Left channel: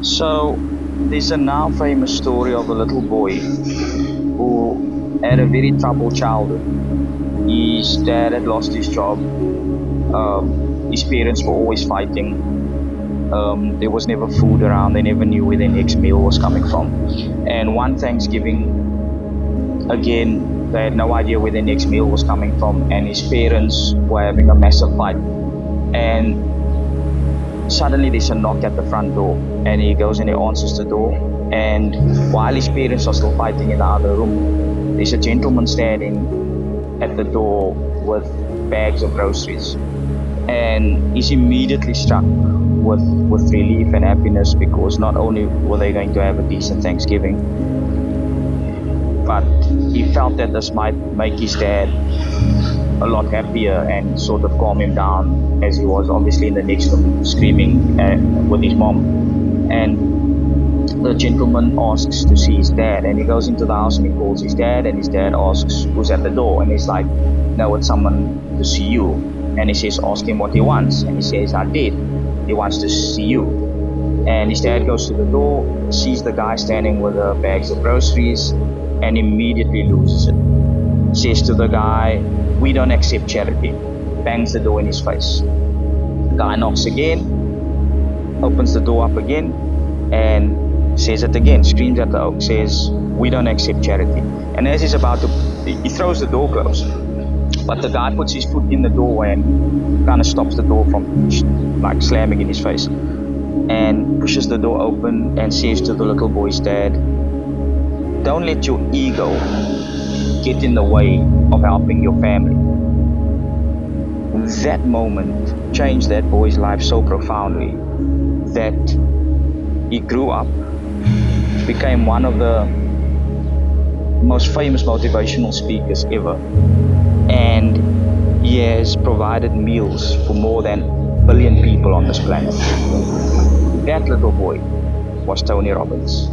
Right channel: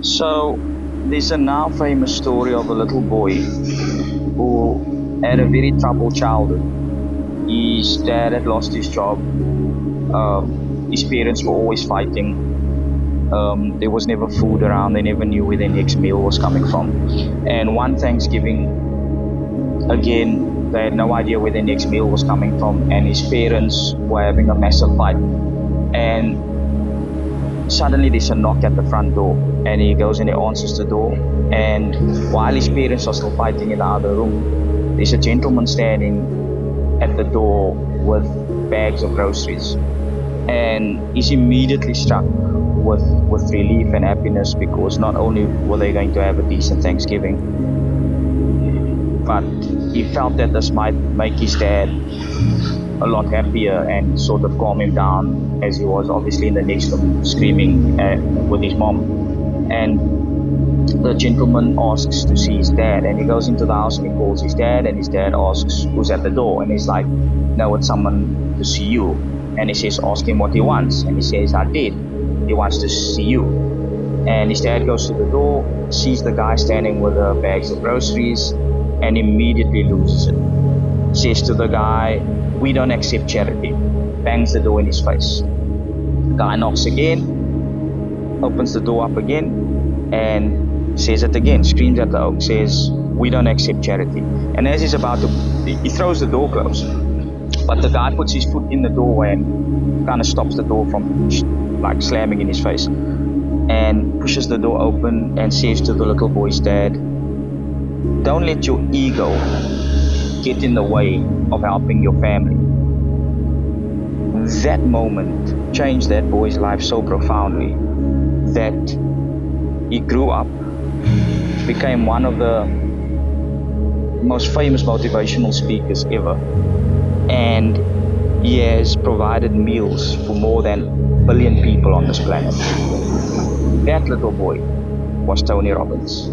So there's a now famous story of a little boy who had a very troubled childhood. His dad had lost his job. His parents were always fighting. There was never food around. They never knew where their next meal was coming from. And one Thanksgiving, again, they had no idea where their next meal was coming from. And his parents were having a massive fight. And suddenly there's a knock at the front door, and he goes and he answers the door, and while his parents are still fighting in the other room, there's a gentleman standing at the door with bags of groceries, and he's immediately struck with relief and happiness, because not only were they going to have a decent Thanksgiving, but he felt that this might make his dad a lot happier and sort of calm him down, as he was obviously in the next room screaming with his mom. And the gentleman asks to see his dad, and he goes into the house and he calls his dad, and his dad asks who's at the door, and he's like, no, it's someone to see you. And he says, ask him what he wants, and he says, I did, he wants to see you. And his dad goes to the door, sees the guy standing with the bags of groceries, and immediately loses it. Says to the guy, we don't accept charity. Bangs the door in his face. The guy knocks again, opens the door up again, and says it again, screams at the oak, says, we don't accept charity. And as he's about to, he throws the door closed, but the guy puts his foot in the doorway and kind of stops the door from like slamming in his face, and pushes the door open and says to the little boy's dad, don't let your ego get in the way of helping your family. That moment changed that boy's life so profoundly that he grew up, became one of the most famous motivational speakers ever, and he has provided meals for more than 1 billion people on this planet. That little boy was Tony Robbins.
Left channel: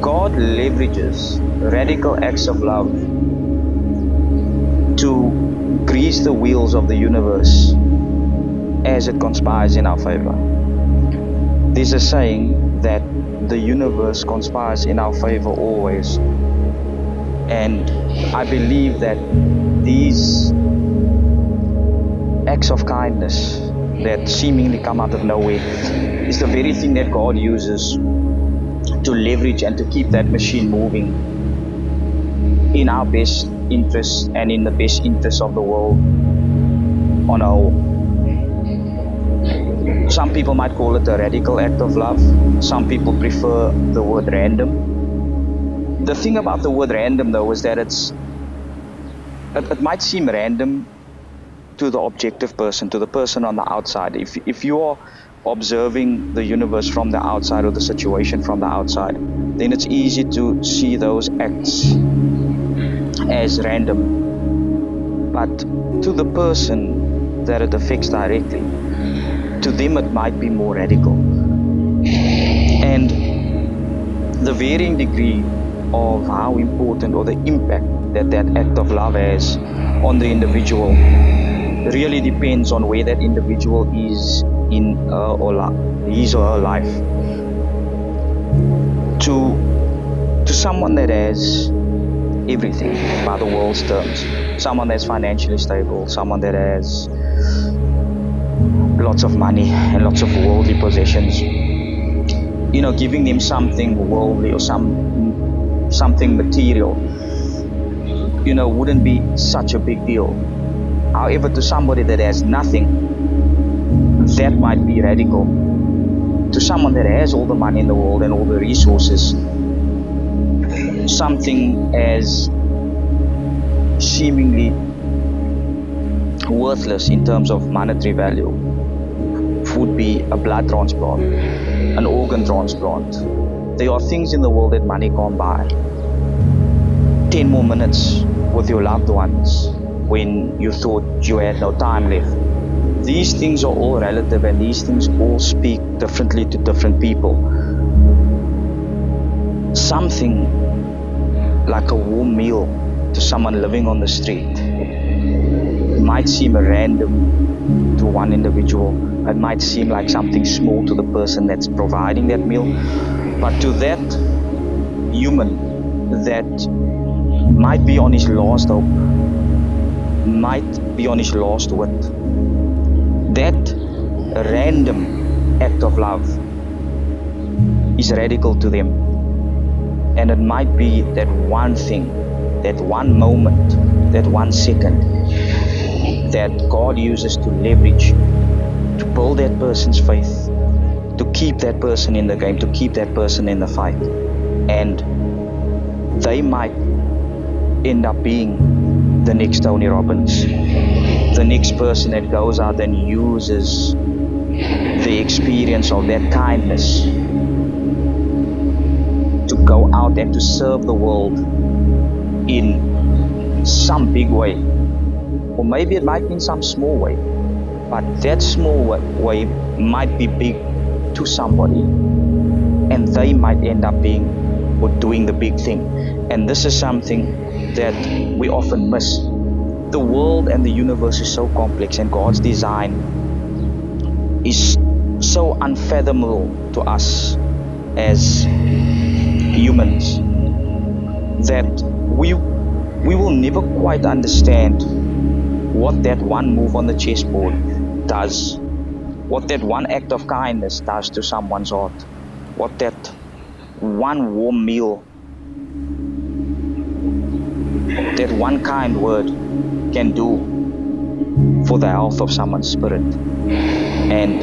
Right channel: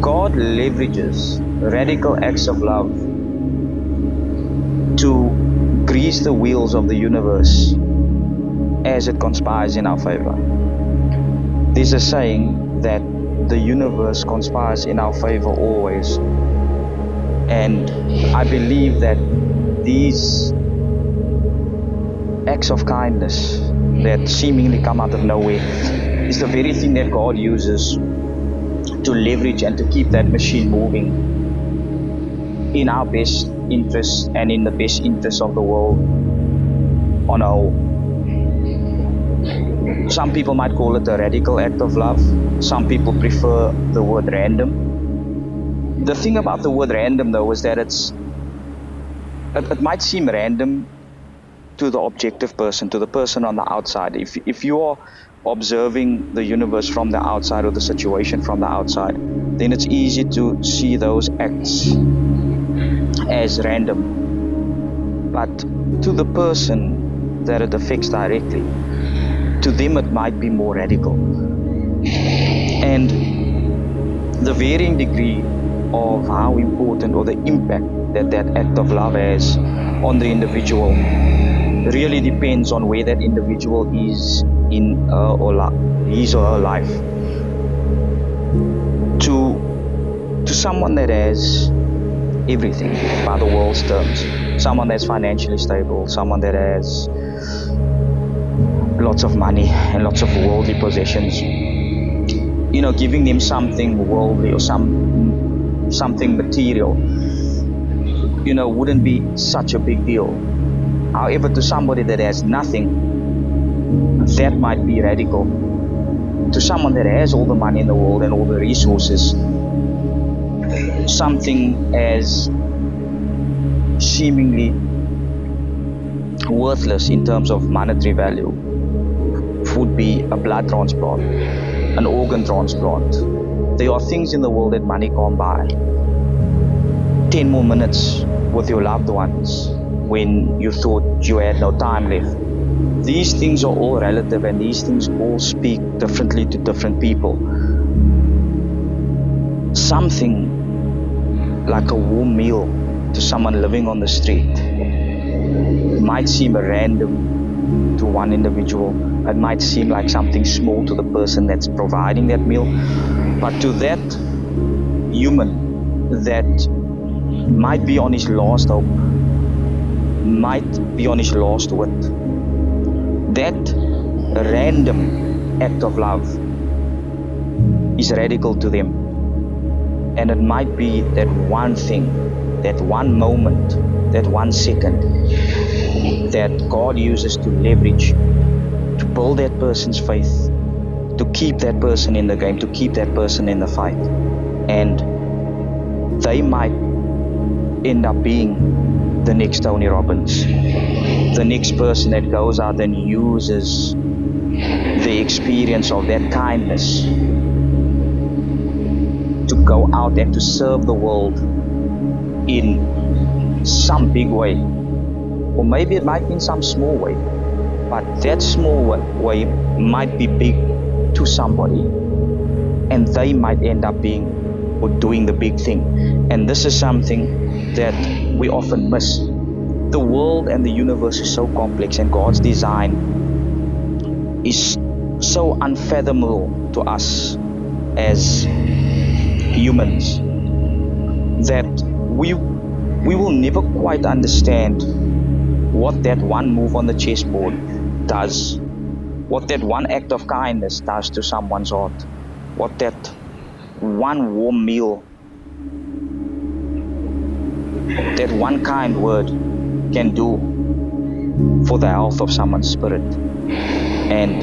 God leverages radical acts of love to grease the wheels of the universe as it conspires in our favor. There's a saying that the universe conspires in our favor always, and I believe that these acts of kindness that seemingly come out of nowhere is the very thing that God uses to leverage and to keep that machine moving in our best interests and in the best interests of the world on a whole. Some people might call it a radical act of love. Some people prefer the word random. The thing about the word random, though, is that it might seem random to the objective person, to the person on the outside. If you are observing the universe from the outside or the situation from the outside, then it's easy to see those acts as random. But to the person that it affects directly, to them it might be more radical. And the varying degree of how important or the impact that that act of love has on the individual really depends on where that individual is in his or her life. To someone that has everything by the world's terms, someone that's financially stable, someone that has lots of money and lots of worldly possessions, giving them something worldly or something material, wouldn't be such a big deal. However, to somebody that has nothing, that might be radical. To someone that has all the money in the world and all the resources, something as seemingly worthless in terms of monetary value would be a blood transplant, an organ transplant. There are things in the world that money can't buy. 10 more minutes with your loved ones when you thought you had no time left. These things are all relative, and these things all speak differently to different people. Something like a warm meal to someone living on the street. It might seem random to one individual. It might seem like something small to the person that's providing that meal. But to that human that might be on his last hope, might be on his last wit, that random act of love is radical to them. And it might be that one thing, that one moment, that 1 second that God uses to leverage, to build that person's faith, to keep that person in the game, to keep that person in the fight. And they might end up being the next Tony Robbins, the next person that goes out and uses the experience of that kindness to go out and to serve the world in some big way. Or maybe it might be in some small way, but that small way might be big to somebody, and they might end up being or doing the big thing. And this is something that we often miss. The world and the universe is so complex, and God's design is so unfathomable to us as humans that we will never quite understand what that one move on the chessboard does, what that one act of kindness does to someone's heart, what that one warm meal, that one kind word can do for the health of someone's spirit. And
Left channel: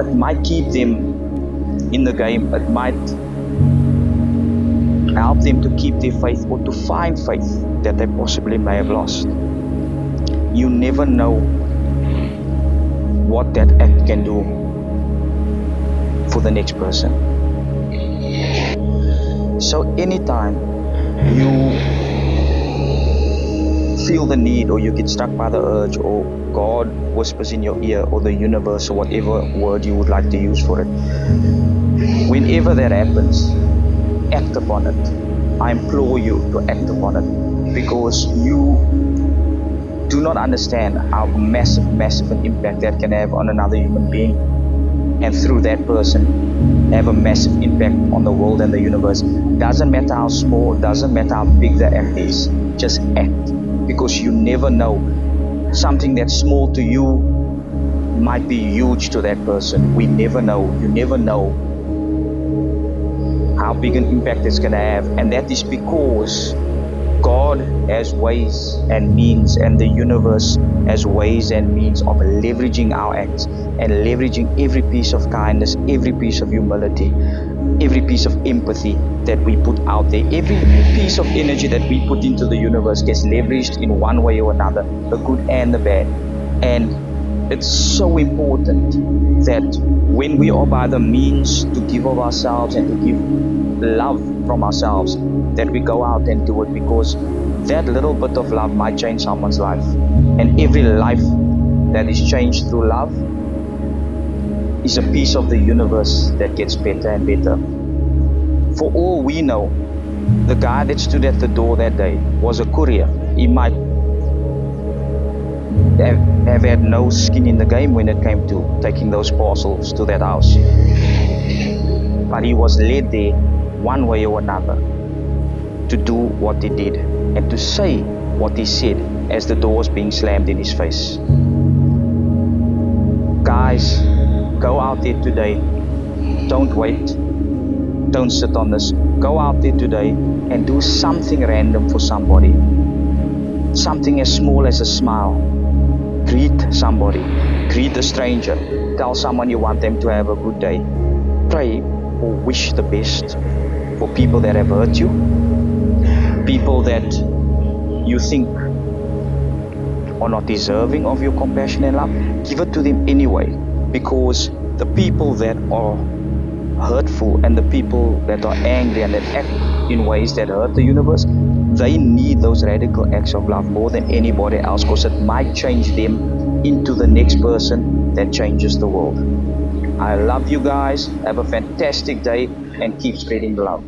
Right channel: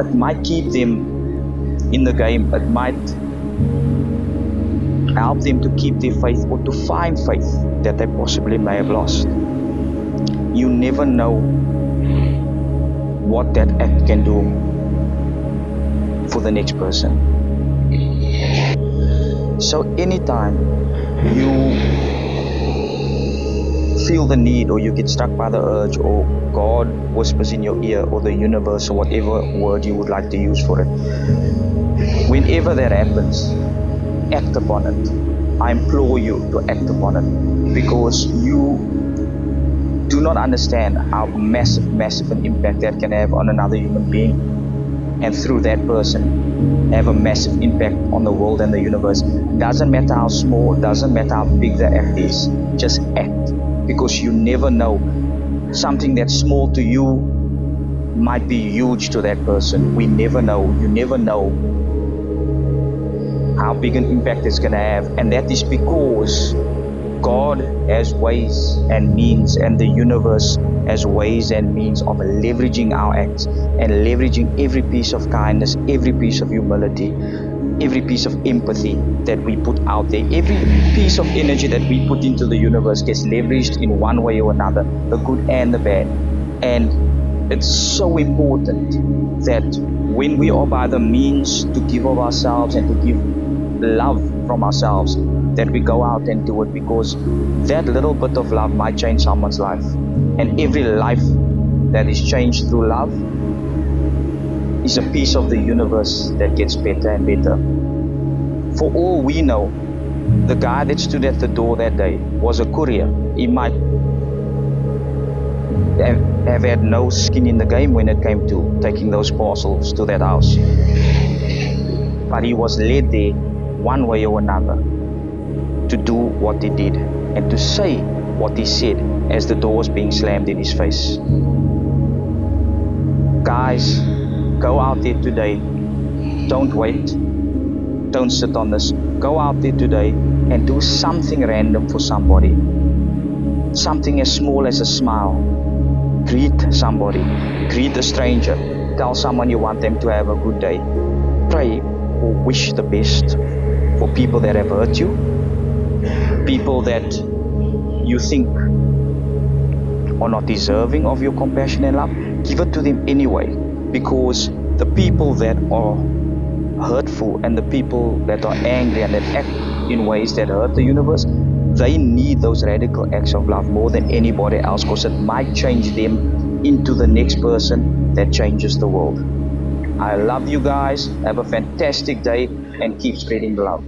it might keep them in the game, it might help them to keep their faith or to find faith that they possibly may have lost. You never know what that act can do for the next person. So anytime you feel the need, or you get struck by the urge, or God whispers in your ear, or the universe, or whatever word you would like to use for it, whenever that happens, act upon it. I implore you to act upon it, because you do not understand how massive an impact that can have on another human being, and through that person have a massive impact on the world and the universe. Doesn't matter how small, doesn't matter how big the act is, just act, because you never know. Something that's small to you might be huge to that person. We never know. You never know how big an impact it's going to have, and that is because God has ways and means, and the universe has ways and means of leveraging our acts and leveraging every piece of kindness, every piece of humility, every piece of empathy that we put out there. Every piece of energy that we put into the universe gets leveraged in one way or another, the good and the bad. And it's so important that when we are by the means to give of ourselves and to give love from ourselves, that we go out and do it, because that little bit of love might change someone's life. And every life that is changed through love is a piece of the universe that gets better and better. For all we know, the guy that stood at the door that day was a courier. He might have had no skin in the game when it came to taking those parcels to that house, but he was led there one way or another to do what he did and to say what he said as the door was being slammed in his face. Guys, go out there today. Don't wait. Don't sit on this. Go out there today and do something random for somebody. Something as small as a smile. Greet somebody. Greet a stranger. Tell someone you want them to have a good day. Pray or wish the best for people that have hurt you, people that you think are not deserving of your compassion and love. Give it to them anyway, because the people that are hurtful and the people that are angry and that act in ways that hurt the universe, they need those radical acts of love more than anybody else, because it might change them into the next person that changes the world. I love you guys. Have a fantastic day and keep spreading the love.